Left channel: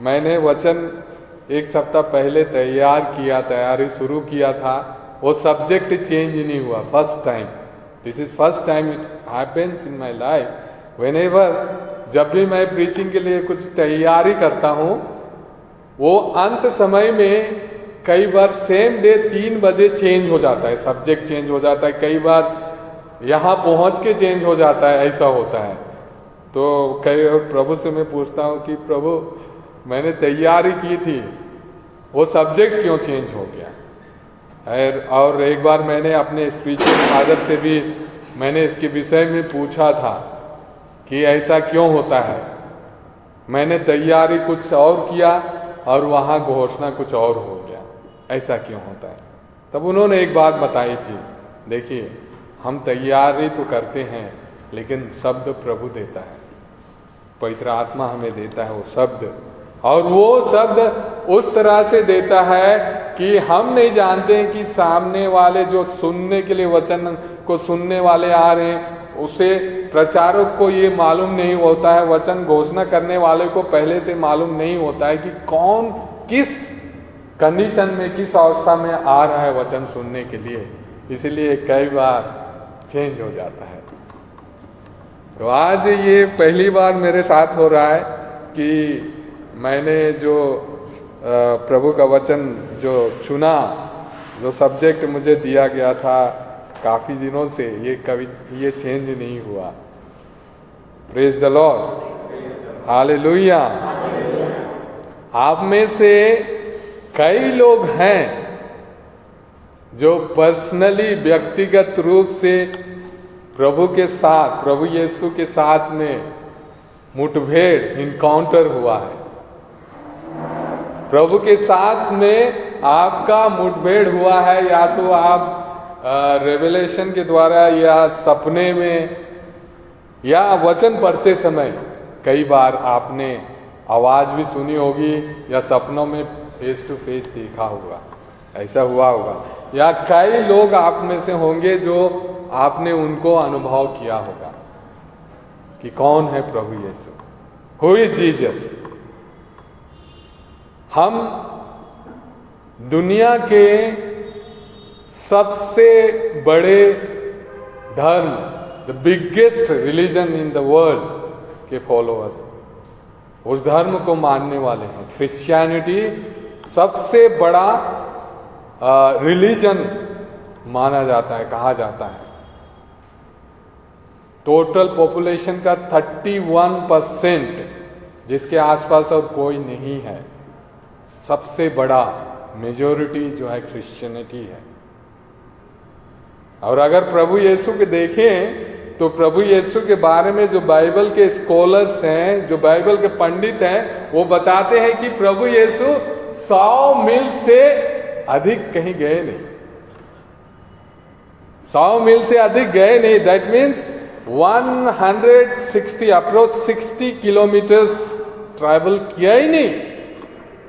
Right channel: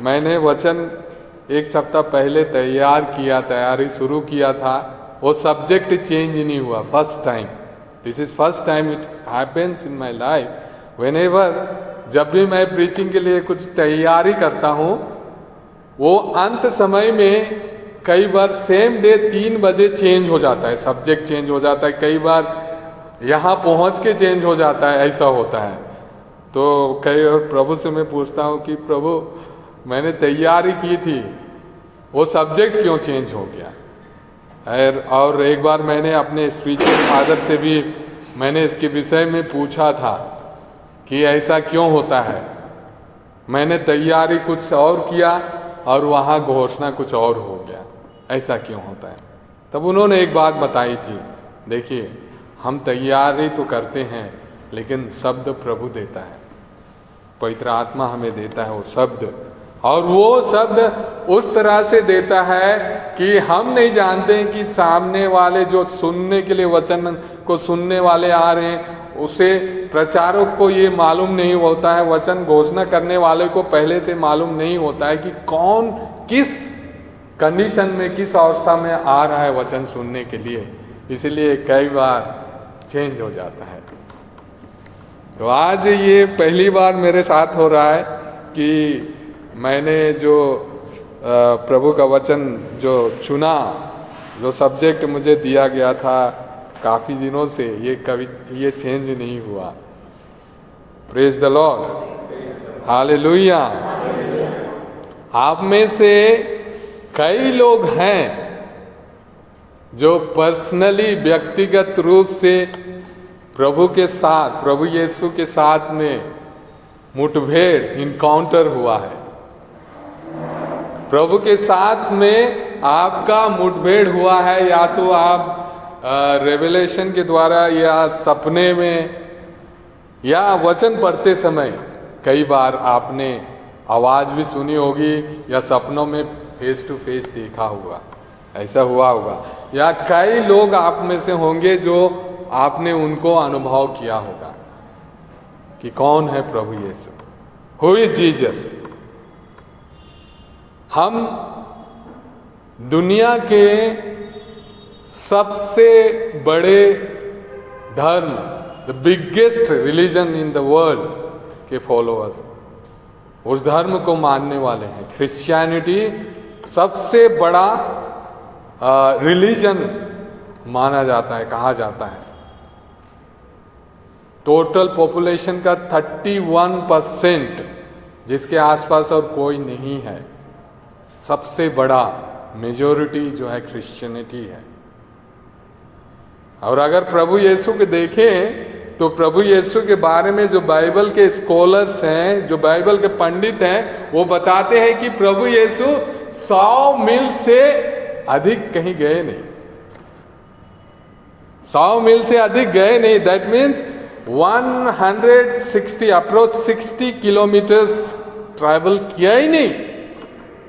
मैंने वचन एक सप्ताह पहले तैयारी शुरू किया था। वो सब्जेक्ट चेंज नहीं हुआ। First time, this is first time it happens in my life. Whenever जब भी मैं प्रीचिंग के लिए कुछ तैयारी करता हूँ, वो अंत समय में कई बार सेम डे 3 बजे चेंज हो जाता है, सब्जेक्ट चेंज हो जाता है, कई बार यहाँ पहुँच के चेंज हो जाता है, ऐसा होता है। तो कई और प्रभु से मैं पूछता हूँ कि प्रभु मैंने तैयारी की थी, वो सब्जेक्ट क्यों चेंज हो गया। और एक बार मैंने अपने स्पिरिचुअल फादर से भी मैंने इसके विषय में पूछा था कि ऐसा क्यों होता है। मैंने तैयारी कुछ और किया और वहाँ घोषणा कुछ और हो गया, ऐसा क्यों होता है। तब उन्होंने एक बात बताई थी, देखिए हम तैयारी तो करते हैं लेकिन शब्द प्रभु देता है, पवित्र आत्मा हमें देता है वो शब्द, और वो शब्द उस तरह से देता है कि हम नहीं जानते हैं कि सामने वाले जो सुनने के लिए वचन को सुनने वाले आ रहे हैं, उसे प्रचारक को ये मालूम नहीं होता है, वचन घोषणा करने वाले को पहले से मालूम नहीं होता है कि कौन किस कंडीशन में, किस अवस्था में आ रहा है वचन सुनने के लिए। इसलिए कई बार चेंज हो जाता है। तो आज ये पहली बार मेरे साथ हो रहा है कि मैंने जो प्रभु का वचन जो चुना, जो सब्जेक्ट मुझे दिया गया था काफ़ी दिनों से, ये चेंज नहीं हुआ। Praise the lord, hallelujah. आप में से कई लोग हैं जो पर्सनली, व्यक्तिगत रूप से प्रभु के साथ, प्रभु यीशु के साथ में मुठभेड़, इनकाउंटर हुआ है। प्रभु के साथ में आपका मुठभेड़ हुआ है, या तो आप रेवलेशन के द्वारा, या सपने में, या वचन पढ़ते समय कई बार आपने आवाज़ भी सुनी होगी, या सपनों में फेस टू फेस देखा होगा, ऐसा हुआ होगा। या कई लोग आप में से होंगे जो आपने उनको अनुभव किया होगा कि कौन है प्रभु यीशु, हु इज जीसस। हम दुनिया के सबसे बड़े धर्म, the biggest religion in the world के फॉलोअर्स, उस धर्म को मानने वाले हैं। क्रिश्चियनिटी सबसे बड़ा रिलीजन माना जाता है, कहा जाता है। टोटल पॉपुलेशन का 31%, जिसके आसपास और कोई नहीं है। सबसे बड़ा मेजॉरिटी जो है क्रिश्चियनिटी है। और अगर प्रभु यीशु के देखें तो प्रभु यीशु के बारे में जो बाइबल के स्कॉलर्स हैं, जो बाइबल के पंडित हैं, वो बताते हैं कि प्रभु यीशु 100 मील से अधिक कहीं गए नहीं, 100 मील से अधिक गए नहीं। That means 160 approach 60 kilometres travel किया ही नहीं।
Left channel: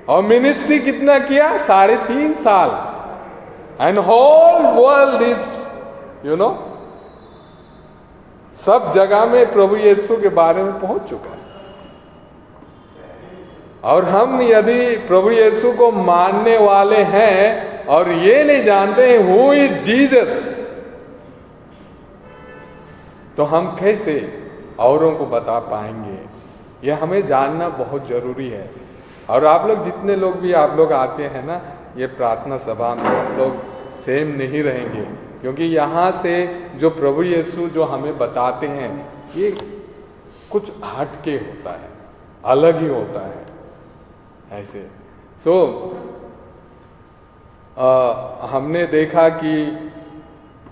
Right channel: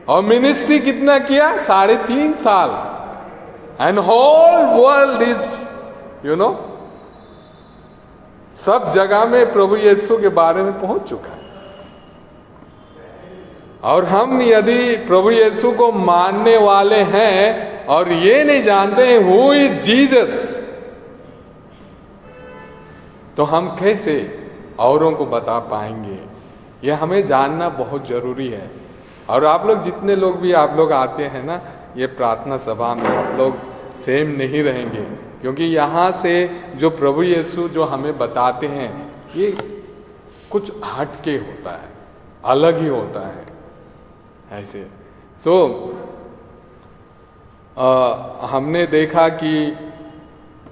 और मिनिस्ट्री कितना किया? 3.5 साल। एंड होल वर्ल्ड इज सब जगह में प्रभु यीशु के बारे में पहुंच चुका है। और हम यदि प्रभु यीशु को मानने वाले हैं और ये नहीं जानते हैं हु इज जीसस, तो हम कैसे औरों को बता पाएंगे? ये हमें जानना बहुत जरूरी है। और आप लोग जितने लोग भी आप लोग आते हैं ना ये प्रार्थना सभा में, आप लोग सेम नहीं रहेंगे, क्योंकि यहाँ से जो प्रभु यीशु जो हमें बताते हैं ये कुछ हटके होता है, अलग ही होता है ऐसे। तो हमने देखा कि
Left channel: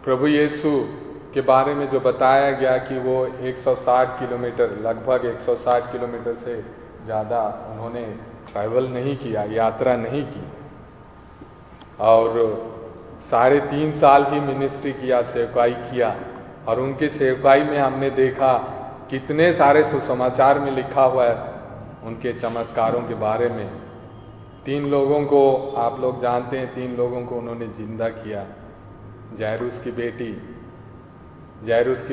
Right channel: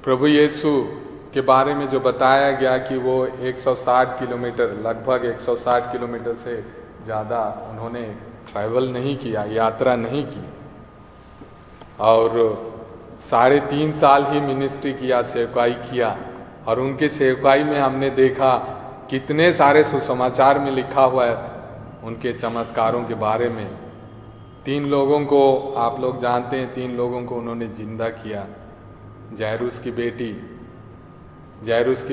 प्रभु यीशु के बारे में जो बताया गया कि वो 160 किलोमीटर, लगभग 160 किलोमीटर से ज़्यादा उन्होंने ट्रैवल नहीं किया, यात्रा नहीं की, और 3.5 साल ही मिनिस्ट्री किया, सेवकाई किया। और उनके सेवकाई में हमने देखा कितने सारे सुसमाचार में लिखा हुआ है उनके चमत्कारों के बारे में। 3 लोगों को आप लोग जानते हैं, 3 लोगों को उन्होंने जिंदा किया। जायरूस की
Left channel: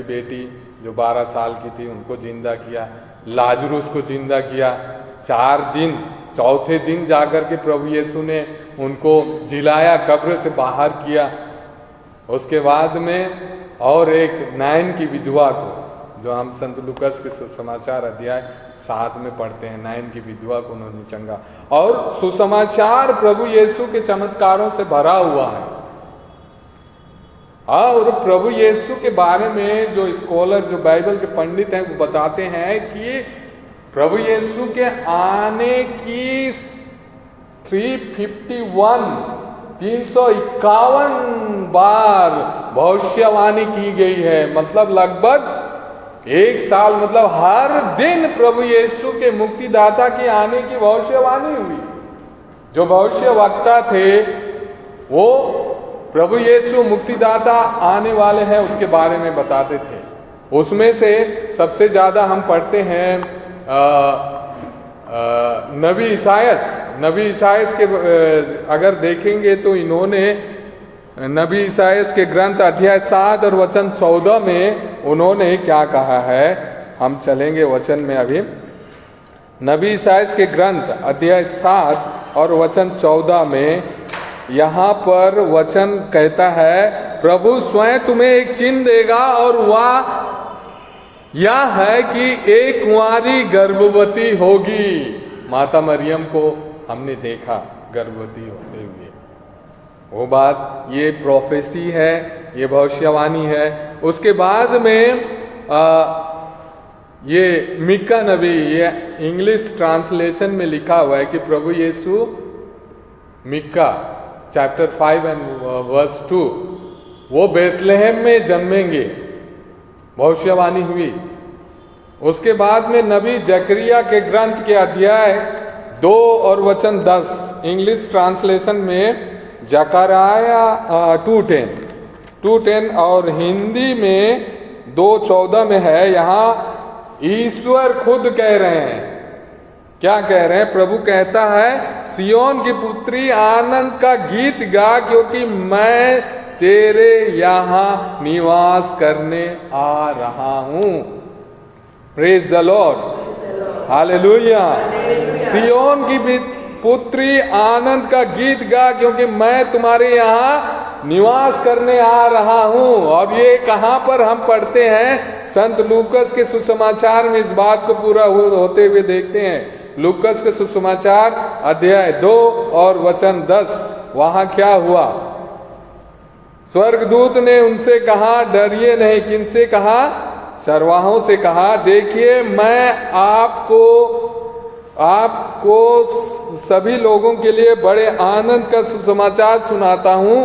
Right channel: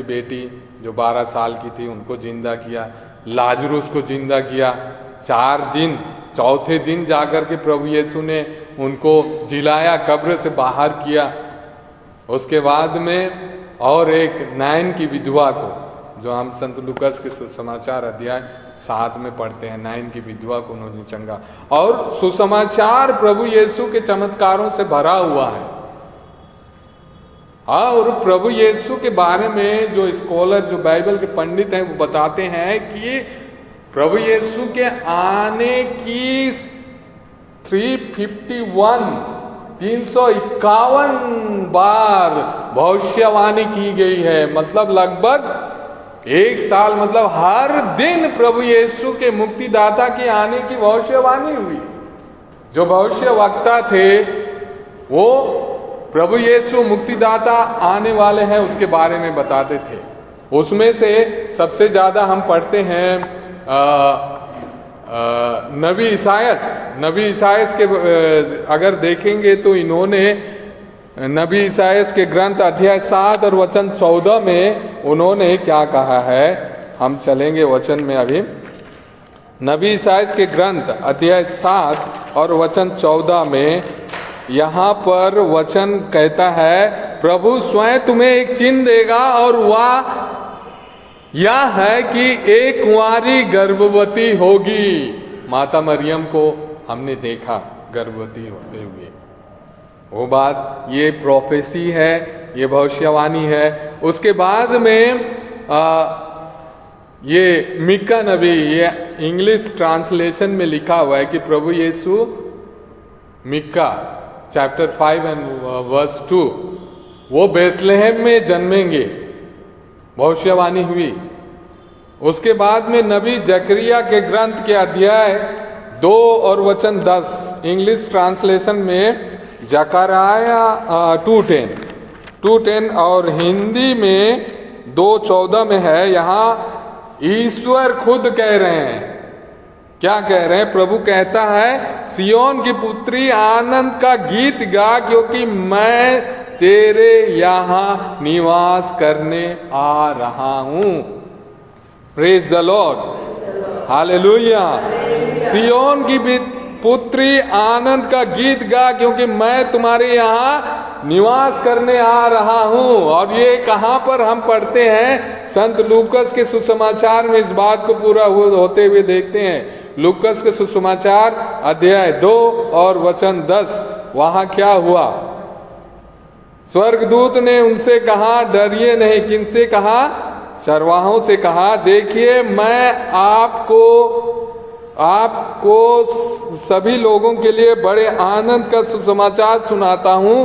बेटी जो 12 साल की थी, उनको जिंदा किया। लाजरूस को जिंदा किया। 4 दिन, चौथे दिन जाकर के प्रभु यीशु ने उनको जिलाया, कब्र से बाहर किया। उसके बाद में और एक नाइन की विधवा को, जो हम संत लूकास के सुसमाचार अध्याय 7 में पढ़ते हैं, नाइन की विधवा को उन्होंने चंगा। और सुसमाचार प्रभु यीशु के चमत्कारों से भरा हुआ है। और प्रभु यीशु के बारे में जो स्कॉलर, जो बाइबल के पंडित हैं, वो बताते हैं कि प्रभु यीशु के आने की 351 बार भविष्यवाणी की गई है। मतलब लगभग 1 साल, मतलब हर दिन प्रभु यीशु के मुक्तिदाता के आने की भविष्यवाणी हुई। जो भविष्य वक्ता थे वो प्रभु यीशु मुक्तिदाता आने वाले हैं उसके बारे में बताते थे। उसमें से सबसे ज्यादा हम पढ़ते हैं नबी ईसायास के अगर देखेंगे तो इन्होंने नबी ईसायास के ग्रंथ अध्याय 7 और वचन 14 में उन्होंने क्या कहा है। हम चलेंगे वचन में अभी। नबी ईसायास के ग्रंथ अध्याय 7 और वचन 14 में यहाँ पर वचन कहता है, प्रभु स्वयं तुम्हें एक चिन्ह देगा और वह यह है कि एक कुंवारी गर्भवती होगी। माता मरियम को हमने देखा गर्भवती होते हुए। वो बात, ये प्रोफेसी है, ये भविष्यवाणी है। उसके बाद में ये मिका नबी, ये इंग्लिश ट्रांसलेशन में लिखा हुआ है कि प्रभु यीशु मिका चैप्टर 5 एंड वर्स 2 वो बेथलेहम में जन्मेंगे, भविष्यवाणी हुई। उसके बाद में नबी जकरिया के ग्रंथ के अध्याय 2 और वचन 10, इंग्लिश ट्रांसलेशन में जकरिया 2:10 और हिंदी में 2:14 में है। यहाँ ईश्वर खुद कह रहे हैं, क्या कह रहे हैं? प्रभु कहता है, सियोन की पुत्री आनंद का गीत गा, क्योंकि मैं तेरे यहाँ निवास करने आ रहा हूँ। Praise the lord, hallelujah. सियोन की पुत्री आनंद का गीत गा, क्योंकि मैं तुम्हारे यहाँ निवास करने आ रहा हूँ। और ये कहाँ पर हम पढ़ते हैं? संत लूकास के सुसमाचार में इस बात को पूरा होते हुए देखते हैं। लूकास के सुसमाचार अध्याय 2 और वचन 10, वहां क्या हुआ? स्वर्गदूत ने उनसे कहा, डरिए नहीं। किनसे कहा? चरवाहों से कहा, देखिए मैं आपको सभी लोगों के लिए बड़े आनंद का सुसमाचार सुनाता हूँ।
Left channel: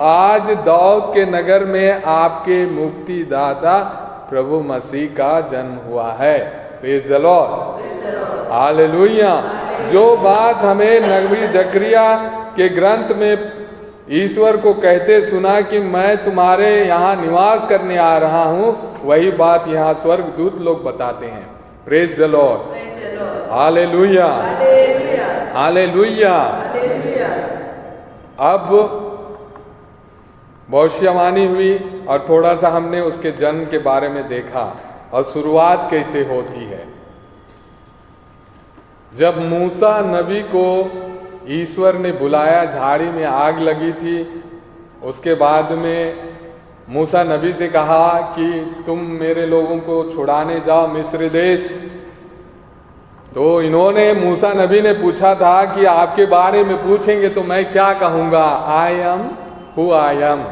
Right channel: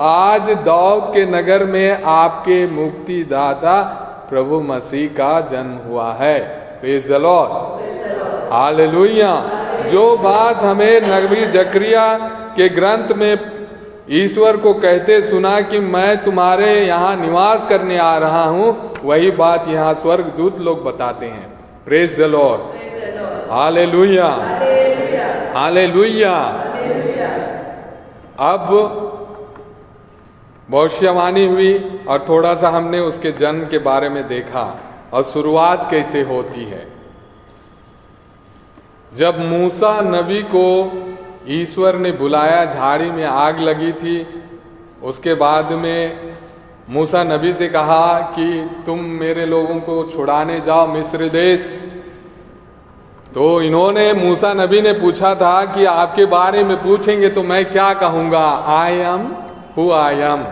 आज दाऊद के नगर में आपके मुक्तिदाता प्रभु मसीह का जन्म हुआ है। Praise the lord, hallelujah. जो बात हमें नबी जकरिया के ग्रंथ में ईश्वर को कहते सुना कि मैं तुम्हारे यहाँ निवास करने आ रहा हूँ, वही बात यहाँ स्वर्गदूत लोग बताते हैं। Praise the lord, hallelujah, hallelujah. अब भविष्यवाणी हुई और थोड़ा सा हमने उसके जन्म के बारे में देखा और शुरुआत कैसे होती है। जब मूसा नबी को ईश्वर ने बुलाया, झाड़ी में आग लगी थी, उसके बाद में मूसा नबी से कहा कि तुम मेरे लोगों को छुड़ाने जाओ मिस्र देश। तो इन्होंने, मूसा नबी ने पूछा था कि आपके बारे में पूछेंगे तो मैं क्या कहूँगा? I am who I am,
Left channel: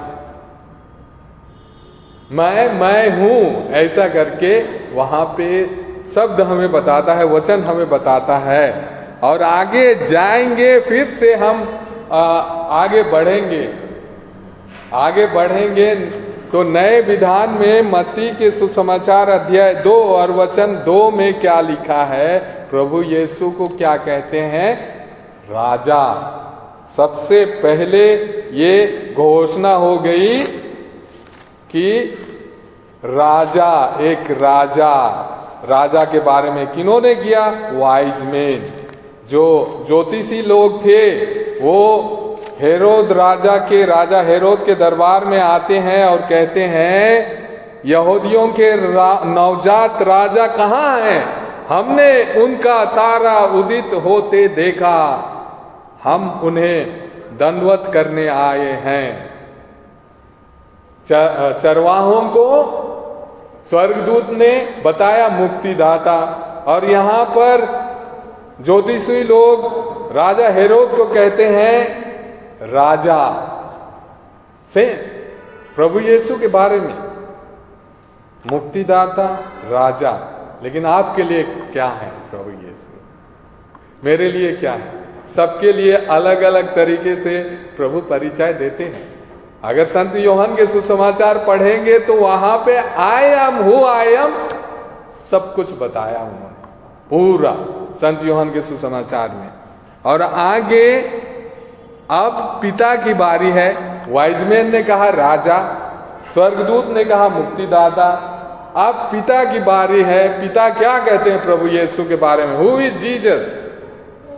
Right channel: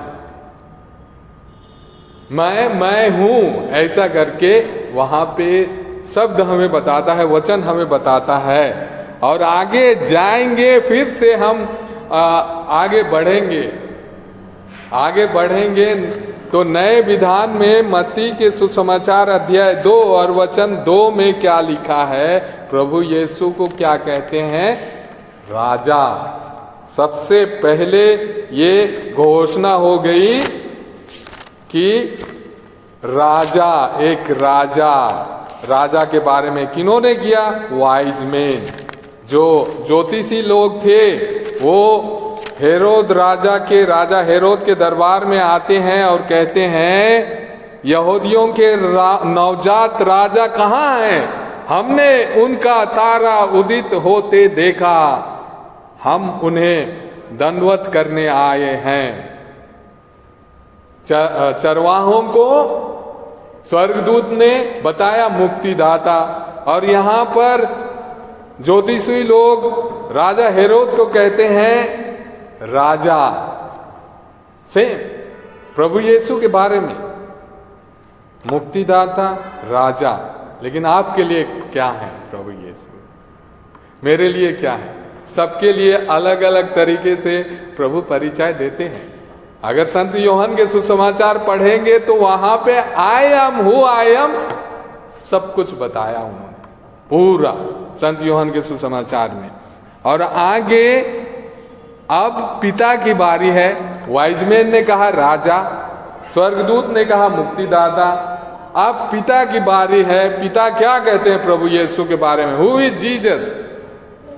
मैं हूँ, ऐसा करके वहाँ पे शब्द हमें बताता है, वचन हमें बताता है। और आगे जाएंगे, फिर से हम आगे बढ़ेंगे तो नए विधान में मत्ती के सुसमाचार अध्याय 2 और वचन 2 में क्या लिखा है? प्रभु यीशु को क्या कहते हैं? राजा। सबसे पहले ये घोषणा हो गई कि राजा, एक राजा के बारे में किन्होंने किया? वाइज मैन, जो ज्योतिषी लोग थे, वो राजा हेरोद के दरबार में आते हैं और कहते हैं, यहूदियों के नवजात राजा कहाँ हैं? हमने उनका तारा उदित होते देखा, हम उन्हें दंडवत करने आए हैं। चरवाहों को स्वर्गदूत ने बताया मुक्तिदाता, और यहाँ पर ज्योतिषी लोग राजा हेरोद को कहते हैं राजा। से प्रभु यीशु के बारे में मुक्तिदाता, राजा। लेकिन आपके लिए क्या है प्रभु यीशु? मेरे लिए क्या है? सबके लिए अलग अलग तरीके से प्रभु परिचय देते हैं। अगर संत यूहन्ना के सुसमाचार पढ़ेंगे तो वहां पे I am who I am सब कुछ बताया उन्होंने, पूरा संत यूहन्ना के सुसमाचार में। और आगे अब पिता की बारी है। वाइजमैन ने कहा राजा, स्वर्गदूत ने कहा मुक्तिदाता, अब पिता की बारी है। पिता क्या कहते हैं प्रभु यीशु के बारे में? Who is Jesus?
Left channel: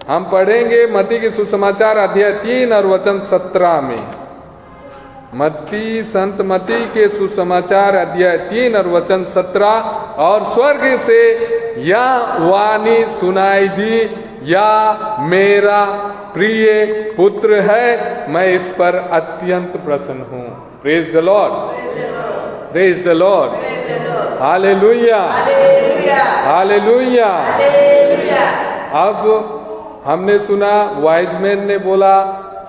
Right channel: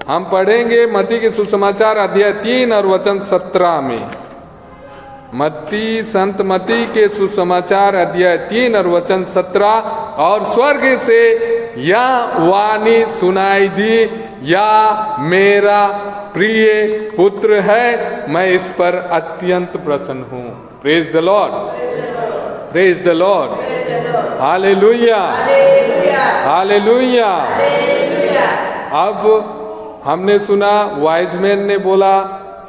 हम पढ़ेंगे मत्ती के सुसमाचार अध्याय 3 और वचन 17 में। संत मत्ती के सुसमाचार अध्याय 3 और वचन 17। और स्वर्ग से यह वाणी सुनाई दी, या मेरा प्रिय पुत्र है, मैं इस पर अत्यंत प्रसन्न हूं। Praise the lord, praise the lord, hallelujah, hallelujah. अब हमने सुना वाइजमैन ने बोला,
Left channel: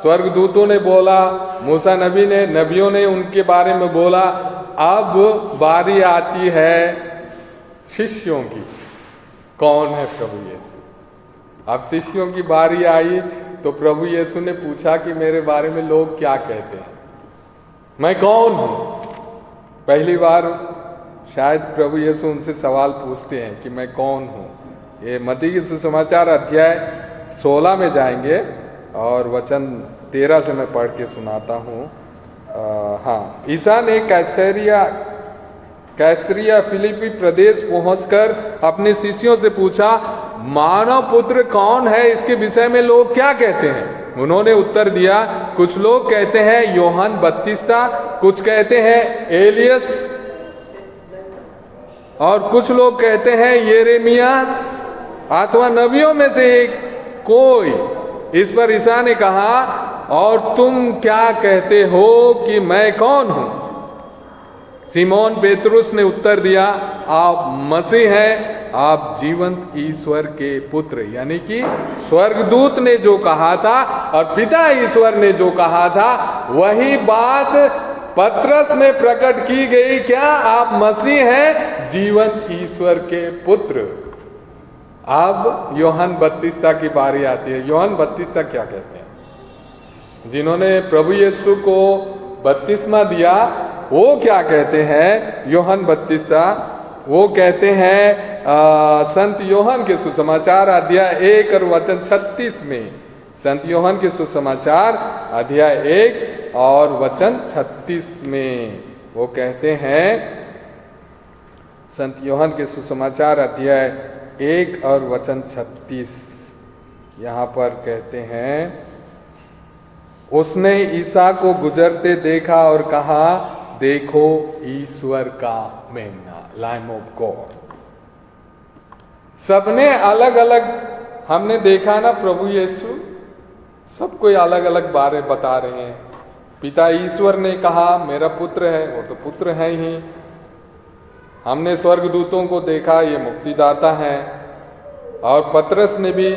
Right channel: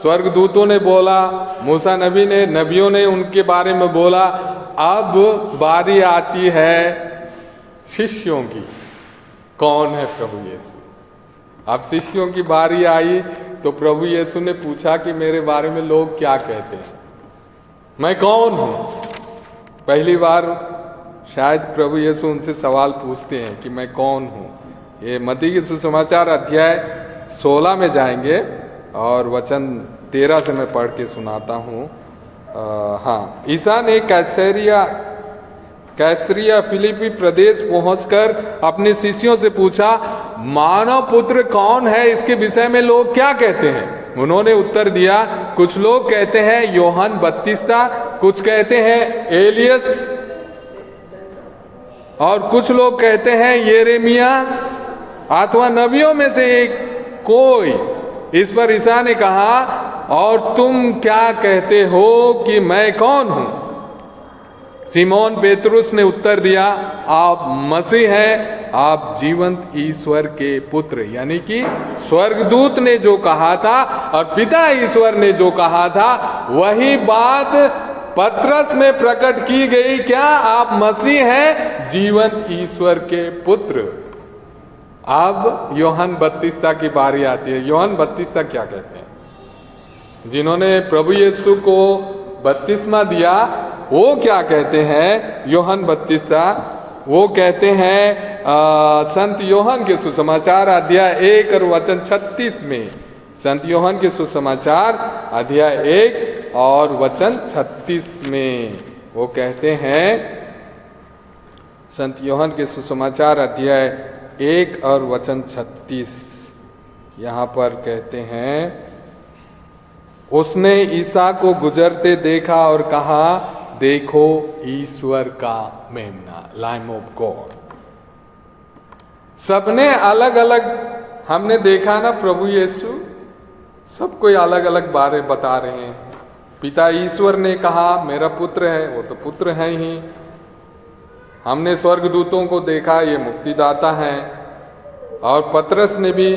स्वर्गदूतों ने बोला, मूसा नबी ने, नबियों ने उनके बारे में बोला। अब बारी आती है शिष्यों की। कौन है प्रभु यीशु? अब शिष्यों की बारी आई तो प्रभु यीशु ने पूछा कि मेरे बारे में लोग क्या कहते हैं, मैं कौन हूं? पहली बार शायद प्रभु यीशु उनसे सवाल पूछते हैं कि मैं कौन हूं। ये मत्ती के सुसमाचार अध्याय 16 में जाएंगे और वचन 13 से मैं पढ़ के सुनाता हूँ। हाँ, ईसा ने कैसरिया फिलिपी प्रदेश पहुंचकर अपने शिष्यों से पूछा, मानव पुत्र कौन है, इसके विषय में लोग क्या कहते हैं? उन्होंने उत्तर दिया, कुछ लोग कहते हैं यूहन्ना बपतिस्ता, कुछ कहते हैं एलियस, और कुछ लोग कहते हैं यिर्मयाह अथवा नबियों में से एक कोई। इस पर ईसा ने कहा, और तुम क्या कहते हो कि मैं कौन हूं? सिमोन पेतरुस ने उत्तर दिया, आप मसीह हैं, आप जीवंत ईश्वर के पुत्र। यानी कि स्वर्गदूत ने जो कहा था और पिता ईश्वर ने जो कहा था, वही बात पतरस में प्रकट की गई। क्या आप मसीह हैं, जीवंत ईश्वर के पुत्र? अब यूहन्ना बपतिस्ता की बारी आती है। यूहन्ना बपतिस्ता क्या कहते हैं? जिन्होंने प्रभु यीशु को बपतिस्मा दिया, वो क्या कहते हैं? यूहन्ना बपतिस्ता वो कहते हैं संत यूहन्ना के सुसमाचार अध्याय 1 और वचन 36 में। संत यूहन्ना के सुसमाचार अध्याय 1 और वचन 36 में वो कहते हैं, संत यूहन्ना के सुसमाचार अध्याय 1 और वचन 36, यहाँ पर कहते हैं, उसने ईसा को गुजरते देखा और कहा, देखो ईश्वर का मेमना, लैम ऑफ गॉड। सबने अलग अलग हमने देखा ना, प्रभु यीशु सब कोई अलग अलग बारे बता रहे हैं। पिता ईश्वर ने कहा मेरा पुत्र है, वो तो पुत्र है ही। हमने स्वर्गदूतों को देखा, ये मुक्तिदाता हैं। और पतरस ने भी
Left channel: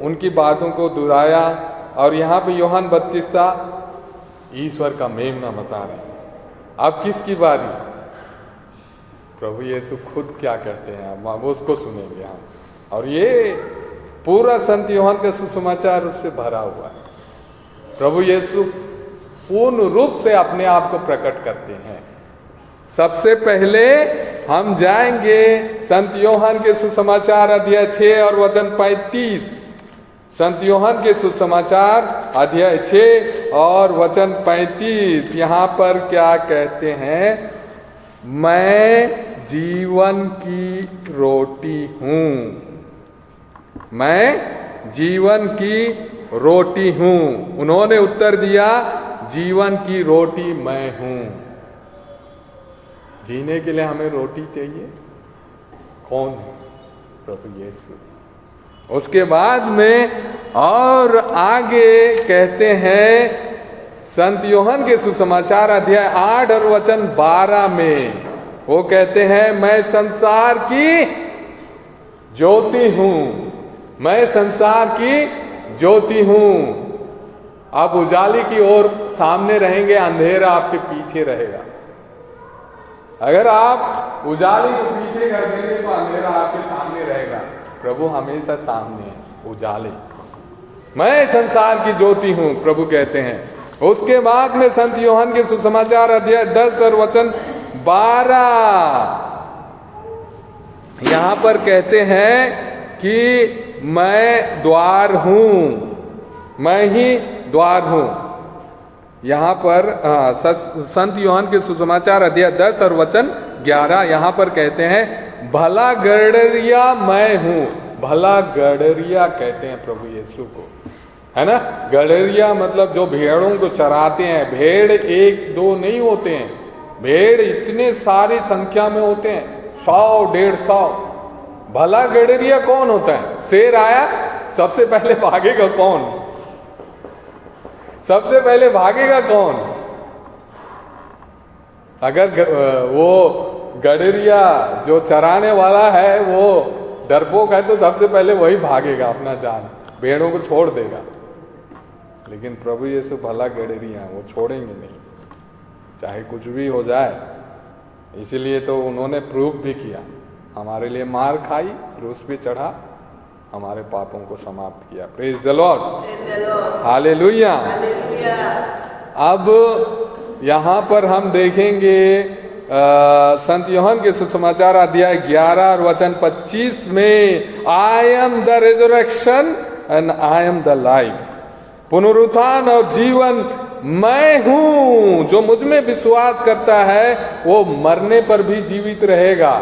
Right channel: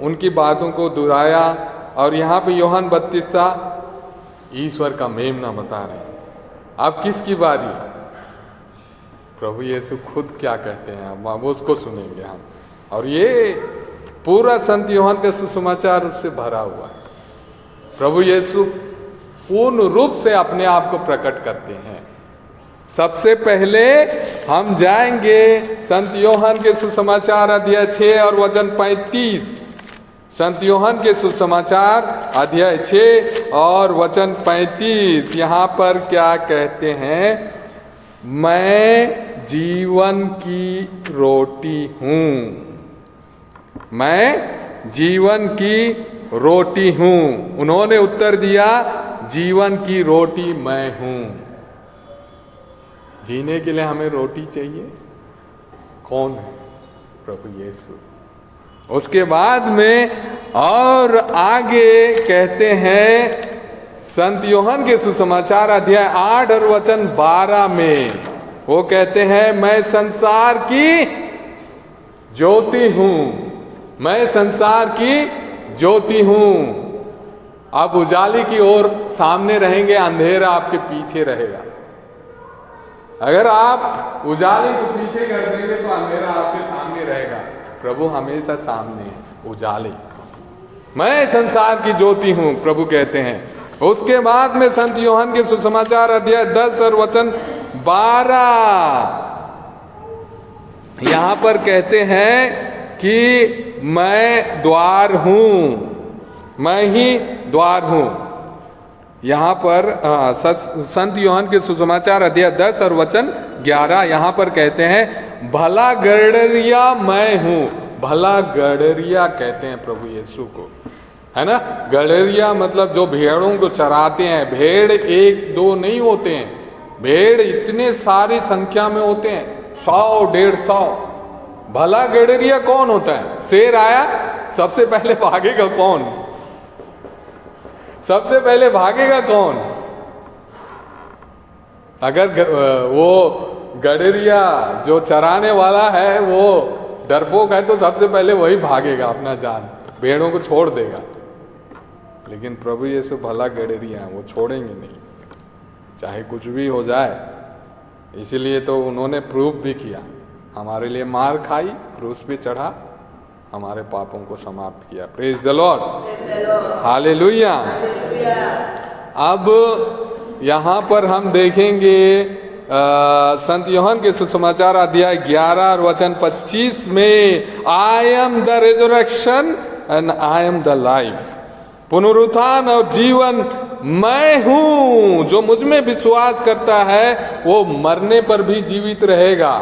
उनकी बातों को दोहराया। और यहाँ पे यूहन्ना बपतिस्ता ईश्वर का मेमना बता रहे हैं। अब किसकी बारी? प्रभु यीशु खुद क्या कहते हैं, अब उसको सुनेंगे हम। और ये पूरा संत यूहन्ना के सुसमाचार उससे भरा हुआ है। प्रभु यीशु पूर्ण रूप से अपने आप को प्रकट करते हैं। सबसे पहले हम जाएंगे संत यूहन्ना के सुसमाचार अध्याय 6 और वचन 35। संत यूहन्ना के सुसमाचार अध्याय 6 और वचन 35, यहाँ पर क्या कहते हैं? मैं जीवन की रोटी हूँ, मैं जीवन की रोटी हूँ। उन्होंने उत्तर दिया, जीवन की रोटी मैं हूँ। जीने के लिए हमें रोटी चाहिए। कौन है प्रभु यीशु। उसके बाद में और आगे कहते हैं संत यूहन्ना के सुसमाचार अध्याय 8 और वचन 12 में वो कहते हैं, मैं संसार की ज्योति हूं, मैं संसार की ज्योति हूं। आप उजाले की ओर सामने रहेंगे, अंधेरा आपके पीछे रहेगा। अगर आप उजाले को पीछे कर देंगे तो अंधेरा आपके सामने रहेगा। प्रभु हमेशा सामने है, उजाले। मैं संसार की ज्योति हूं, प्रभु कहते हैं। उसके बाद में संत यूहन्ना के सुसमाचार अध्याय 10 और वचन 12 यहां पर कहते हैं कि मैं द्वार हूं, मैं ही द्वार हूं। यहां पर संत यूहन्ना के सुसमाचार अध्याय 10 और वचन 11 यहां पर कहते हैं, भला गड़रिया मैं हूं। भला गड़रिया कहते हैं प्रभु यीशु को, है ना। गड़रिया मतलब जो भेड़ों को चराते हैं। भेड़ एक दो नहीं होते हैं, भेड़ इतने सारी संख्या में होते हैं, 100-150। भला गड़रिया कौन होता है? शेर आया, सबसे पहले भागेगा कौन? सबसे पहले भागेगा कौन? अगर वो गड़रिया जो चराने वाला है वो डरपोक है तो सबसे पहले वही भागेगा, अपना जान, भेड़ों को छोड़ देगा। लेकिन प्रभु यीशु भला गड़रिया वो छोड़ेंगे नहीं, चाहे कुछ भी हो जाए। इसीलिए तो उन्होंने प्रूफ भी किया, हमारे लिए मार खाई, क्रूस पे चढ़ा, हमारे पापों को समाप्त किया। Praise the lord, hallelujah. अब यहाँ पर हम देखेंगे संत यूहन्ना के सुसमाचार अध्याय 11 और वचन 25 में, I am the resurrection and I am the life. पुनरुत्थान और जीवन मैं हूं। जो मुझ में विश्वास करता है वो मरने पर भी जीवित रहेगा।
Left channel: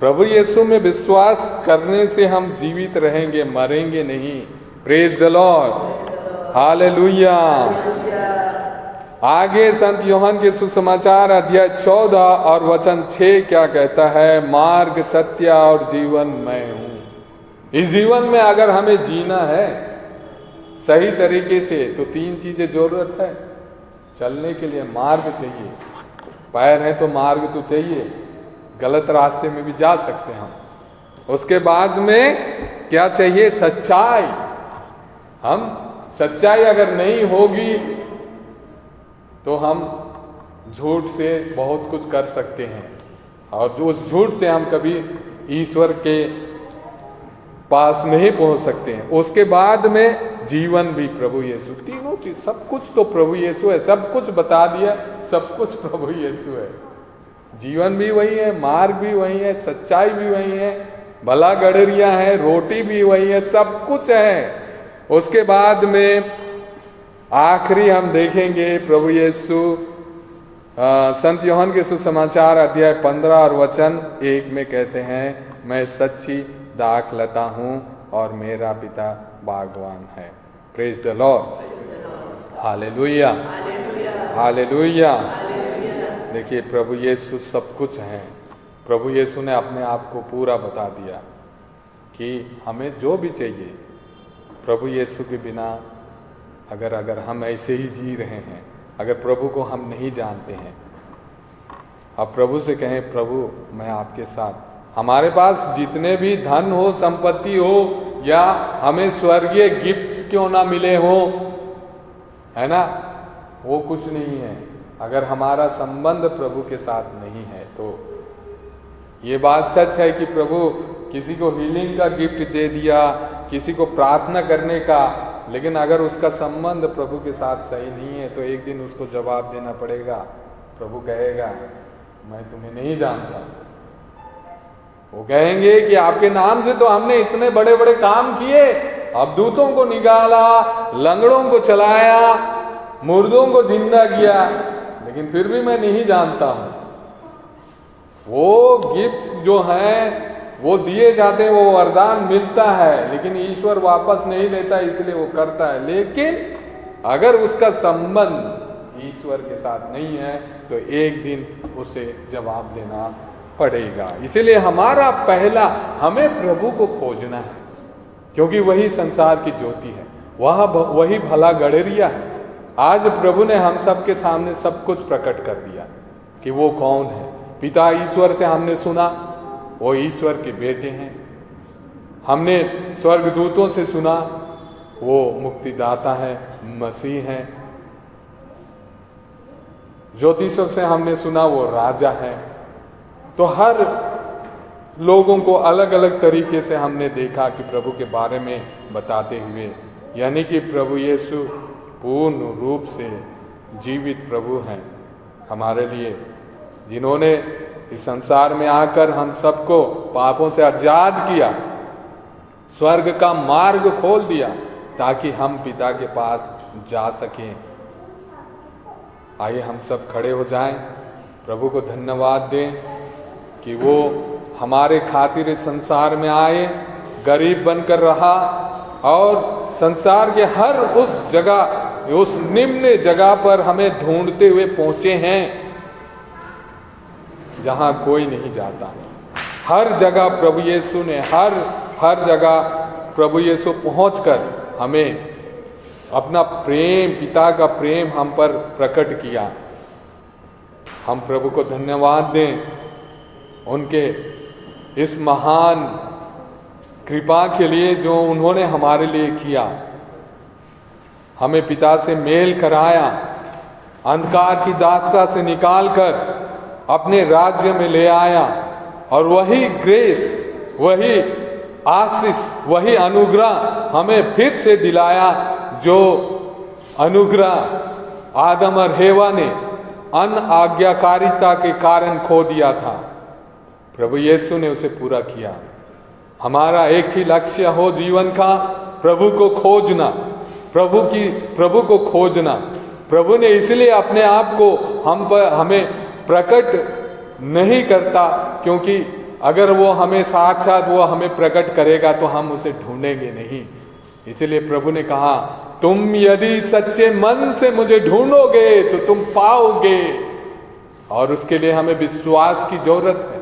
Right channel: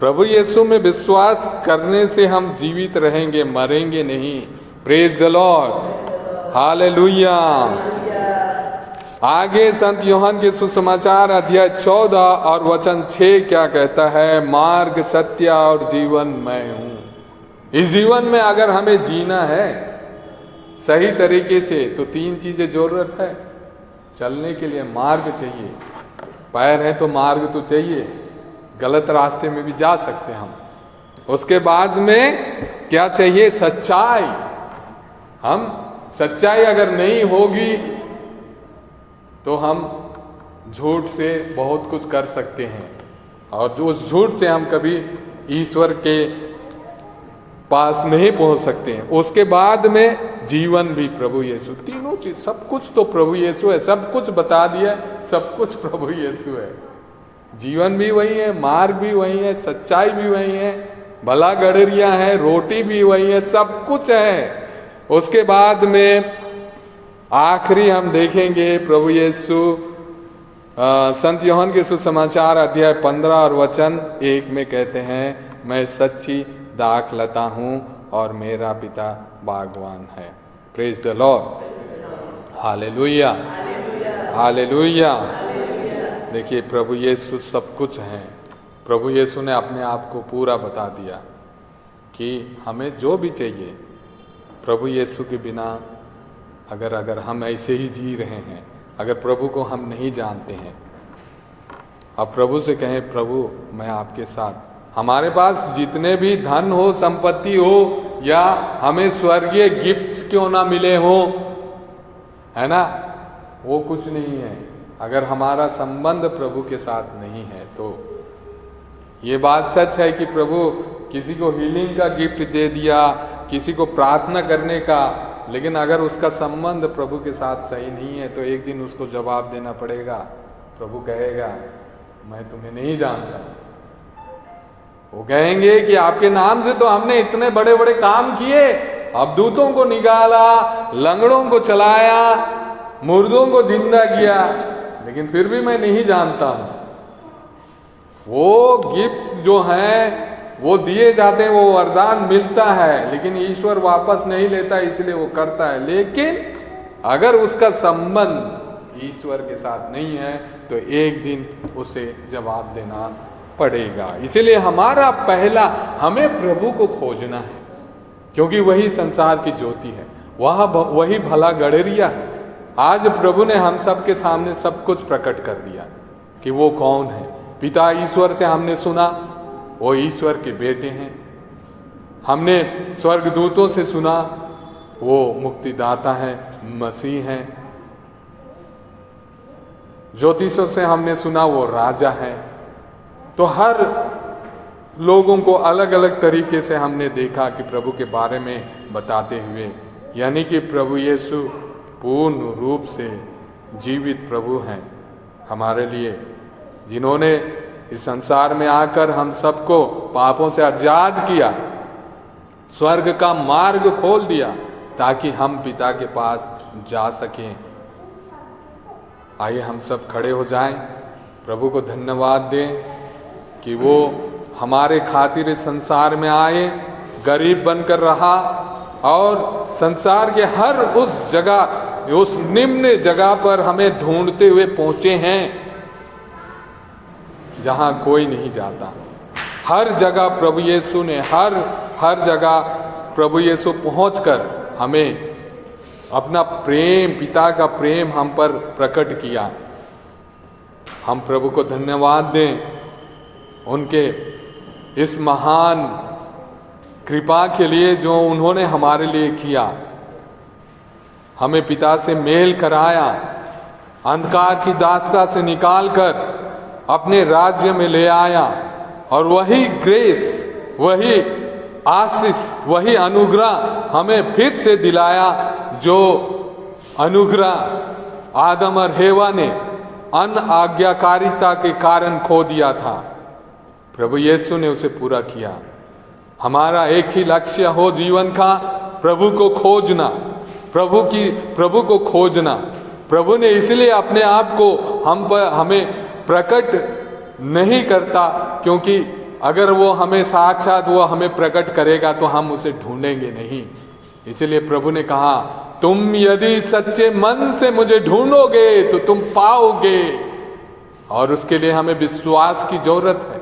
प्रभु यीशु में विश्वास करने से हम जीवित रहेंगे, मरेंगे नहीं। Praise the lord, hallelujah. आगे संत यूहन्ना के सुसमाचार अध्याय 14 और वचन 6 क्या कहता है? मार्ग, सत्य और जीवन मैं हूं। इस जीवन में अगर हमें जीना है सही तरीके से तो 3 चीजें जरूरत है चलने के लिए। मार्ग चाहिए, पैर है तो मार्ग तो चाहिए, गलत रास्ते में भी जा सकते हैं हम। उसके बाद में क्या चाहिए? सच्चाई। हम सच्चाई अगर नहीं होगी तो हम झूठ से बहुत कुछ कर सकते हैं और उस झूठ से हम कभी ईश्वर के पास नहीं पहुंच सकते हैं। उसके बाद में जीवन भी प्रभु यीशु। तीनों चीज, सब कुछ तो प्रभु यीशु है, सब कुछ बता दिया, सब कुछ प्रभु यीशु है। जीवन भी वही है, मार्ग भी वही है, सच्चाई भी वही है, भला गड़रिया है, रोटी भी वही है, सब कुछ है। उसके बाद में आखिरी हम देखेंगे प्रभु यीशु संत यूहन्ना के सुसमाचार अध्याय 15 और वचन 1 में कहते हैं, मैं सच्ची दाखलता हूं और मेरा पिता बागवान है। Praise the lord, hallelujah, hallelujah. देखिए प्रभु यीशु सब कुछ है। प्रभु यीशु ने अपने आप को पूरा बता दिया कि हमें जो भी चाहिए, प्रभु यीशु के बिना अगर हम ऐसे ही जी रहे हैं, अगर प्रभु को हम नहीं जानते हैं, अब प्रभु से कहें, प्रभु मैं आपके साथ, हमारे पास जितने भी धन हो, संपत्ति हो, या हमें स्वर्गीय गिफ्ट्स क्यों ना मिले हो, है ना, वो कुछ नहीं है अगर हमारा संबंध प्रभु के साथ नहीं है। तो ये बात सच है कि प्रभु किसी को हीलिंग का गिफ्ट दे दिया, किसी को प्रार्थना करने का, लेकिन अगर उसका संबंध प्रभु के साथ सही नहीं है तो एक दिन उसको जवाब देना पड़ेगा। प्रभु कहेगा, मैं तुम्हें नहीं जानता। वो कहेंगे कि आपके नाम से तो हमने इतने बड़े बड़े काम किए, अबदूतों को निकाला, लंगड़ों को चलाया, मुर्दों को जिंदा किया, लेकिन फिर भी मैं नहीं जानता हूं। वो गिफ्ट्स जो हैं वो दिए जाते हैं, वो वरदान मिलता है, लेकिन ईश्वर वापस नहीं लेता, इसलिए वो करता है। लेकिन अगर उसका संबंध ईश्वर के साथ नहीं है तो एक दिन उसे जवाब देना पड़ेगा। इसीलिए हमारा पहला, हमें प्रभु को खोजना है, क्योंकि वही संसार की ज्योति है, वही भला गडरिया है। आज प्रभु ने हम सब के सामने सब कुछ प्रकट कर दिया कि वो कौन है। पिता ईश्वर से हमने सुना, वो ईश्वर के बेटे हैं। हमने स्वर्गदूतों से सुना, वो मुक्तिदाता है, मसीह है। ज्योतिषों से हमने सुना, वो राजा है। तो हर लोगों को अलग अलग तरीके से हमने देखा कि प्रभु के बारे में बताते हुए, यानी कि प्रभु यीशु पूर्ण रूप से जीवित प्रभु हैं हमारे लिए, जिन्होंने इस संसार में आकर हम सबको पापों से आजाद किया, स्वर्ग का मार्ग खोल दिया ताकि हम पिता के पास जा सकें। आइए हम सब खड़े हो जाएं, प्रभु को धन्यवाद दें कि वो हमारे खातिर इस संसार में आए, गरीब बनकर रहा और संसार के हर उस जगह, उस निम्न जगह पर हमें ढूंढते हुए पहुंचे हैं जहां कोई नहीं जाता। हर जगह प्रभु यीशु ने हर जगह प्रभु यीशु पहुंचकर हमें अपना प्रेम, पिता का प्रेम हम पर प्रकट किया। हम प्रभु को धन्यवाद दें उनके इस महान कृपा के लिए जो उन्होंने हमारे लिए किया। हमें पिता से मेल कराया, अंधकार की दास्ता से निकालकर अपने राज्य में ले आया, और वही ग्रेस, वही आशीष, वही अनुग्रह हमें फिर से दिलाया जो अनुग्रह आदम और हेवा ने अनआज्ञाकारिता के कारण खो दिया था। प्रभु यीशु ने उसे पूरा किया। हमारा एक ही लक्ष्य हो जीवन का, प्रभु को खोजना, प्रभु को खोजना। प्रभु ने इसलिए अपने आप को हमें प्रकट नहीं करता, क्योंकि अगर वो हमें साक्षात वो हमें प्रकट करेगा तो हम उसे ढूंढेंगे नहीं। इसलिए प्रभु ने कहा, तुम यदि सच्चे मन से मुझे ढूंढोगे तो तुम पाओगे। और उसके लिए हमें विश्वास की जरूरत है,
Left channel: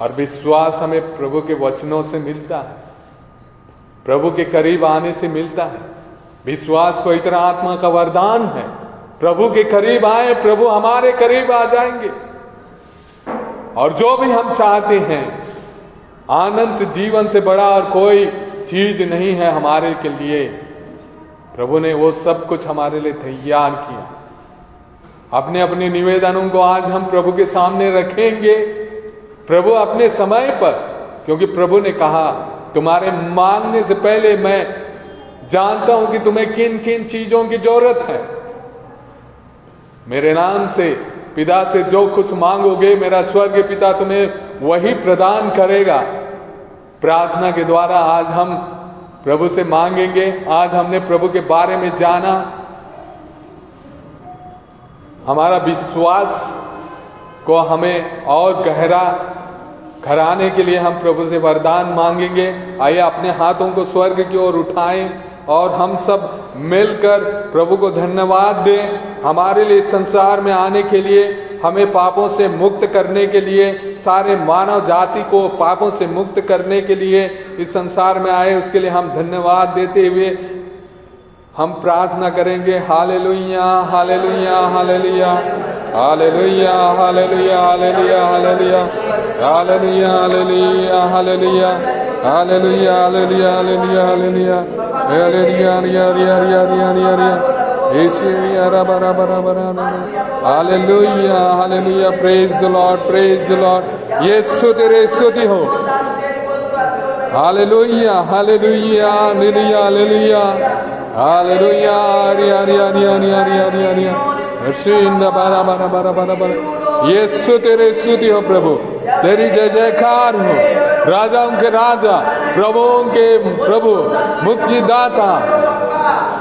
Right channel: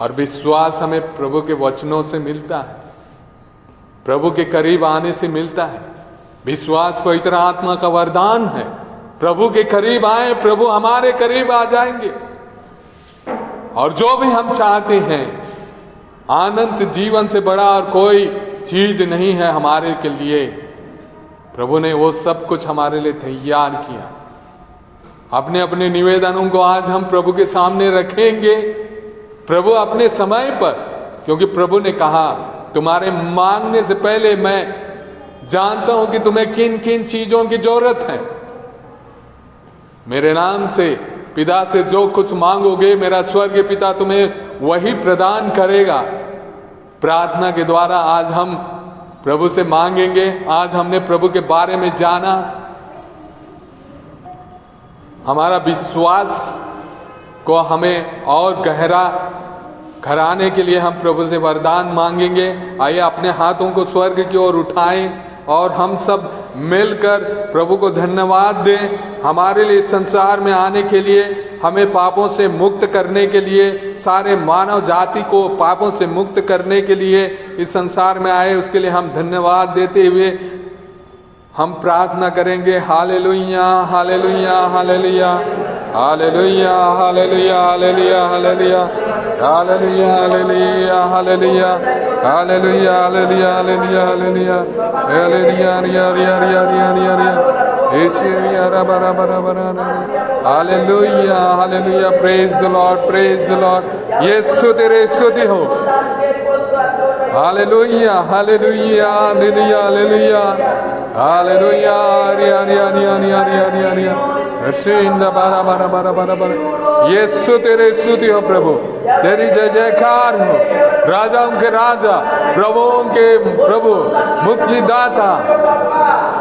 और विश्वास हमें प्रभु के वचनों से मिलता है, प्रभु के करीब आने से मिलता है। विश्वास पवित्र आत्मा का वरदान है। प्रभु के करीब आए, प्रभु हमारे करीब आ जाएंगे। और जो भी हम चाहते हैं, आनंद जीवन से बड़ा और कोई चीज नहीं है हमारे के लिए। प्रभु ने वो सब कुछ हमारे लिए तैयार किया। अपने अपने निवेदनों को आज हम प्रभु के सामने रखेंगे, प्रभु अपने समय पर, क्योंकि प्रभु ने कहा, तुम्हारे मांगने से पहले मैं जानता हूं कि तुम्हें किन किन चीजों की जरूरत है। मेरे नाम से पिता से जो कुछ मांगोगे, मेरा स्वर्गीय पिता तुम्हें वही प्रदान करेगा। प्रार्थना के द्वारा आज हम प्रभु से मांगेंगे। आज हमने प्रभु के बारे में जाना, हमारा विश्वास को हमें और गहरा कराने के लिए हम प्रभु से वरदान मांगेंगे। आइए अपने हाथों को स्वर्ग की ओर उठाएं और हम सब मिलकर प्रभु को धन्यवाद दें हमारे लिए संसार में आने के लिए, हमें पापों से मुक्त करने के लिए, सारे मानव जाति को पापों से मुक्त करने के लिए इस संसार में आए। उसके लिए हम धन्यवाद देते हुए हम प्रार्थना करेंगे। Hallelujah, hallelujah, hallelujah, hallelujah, hallelujah, hallelujah, hallelujah, hallelujah, hallelujah, hallelujah, hallelujah, hallelujah, hallelujah, hallelujah, hallelujah, hallelujah, hallelujah, praise the lord, praise the lord. यीशु तेरे स्तुति हो। Hallelujah, hallelujah, hallelujah, hallelujah, hallelujah, हरिया हरिया हरिया हरिया हरिया हरिया हरिया बारा बारा बारा बारा बारा। यीशु तेरे स्तुति हो प्रभु, तेरी जय जयकार हो। राजाओं के राजा, प्रभुओं के प्रभु, मुक्तिदाता,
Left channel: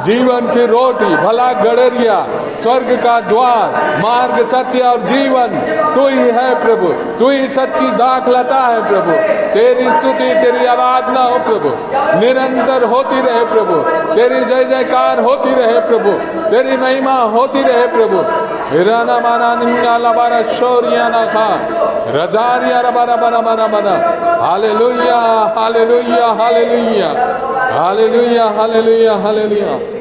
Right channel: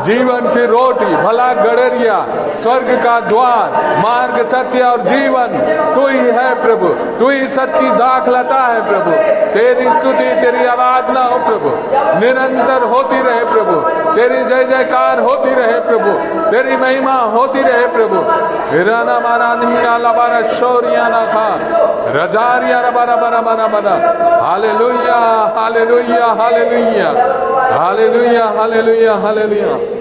जीवन की रोटी, भला गडरिया, स्वर्ग का द्वार, मार्ग, सत्य और जीवन तू ही है प्रभु। तू ही सच्ची दाखलता है प्रभु। तेरी स्तुति, तेरी आराधना हो प्रभु, निरंतर होती रहे प्रभु। तेरी जय जयकार होती रहे प्रभु, तेरी महिमा होती रहे प्रभु। हिराना मारा निया लबारा शोरिया ना खा रजारिया रबा रबा रबा रबा रबा। Hallelujah hallelujah hallelujah hallelujah hallelujah hallelujah.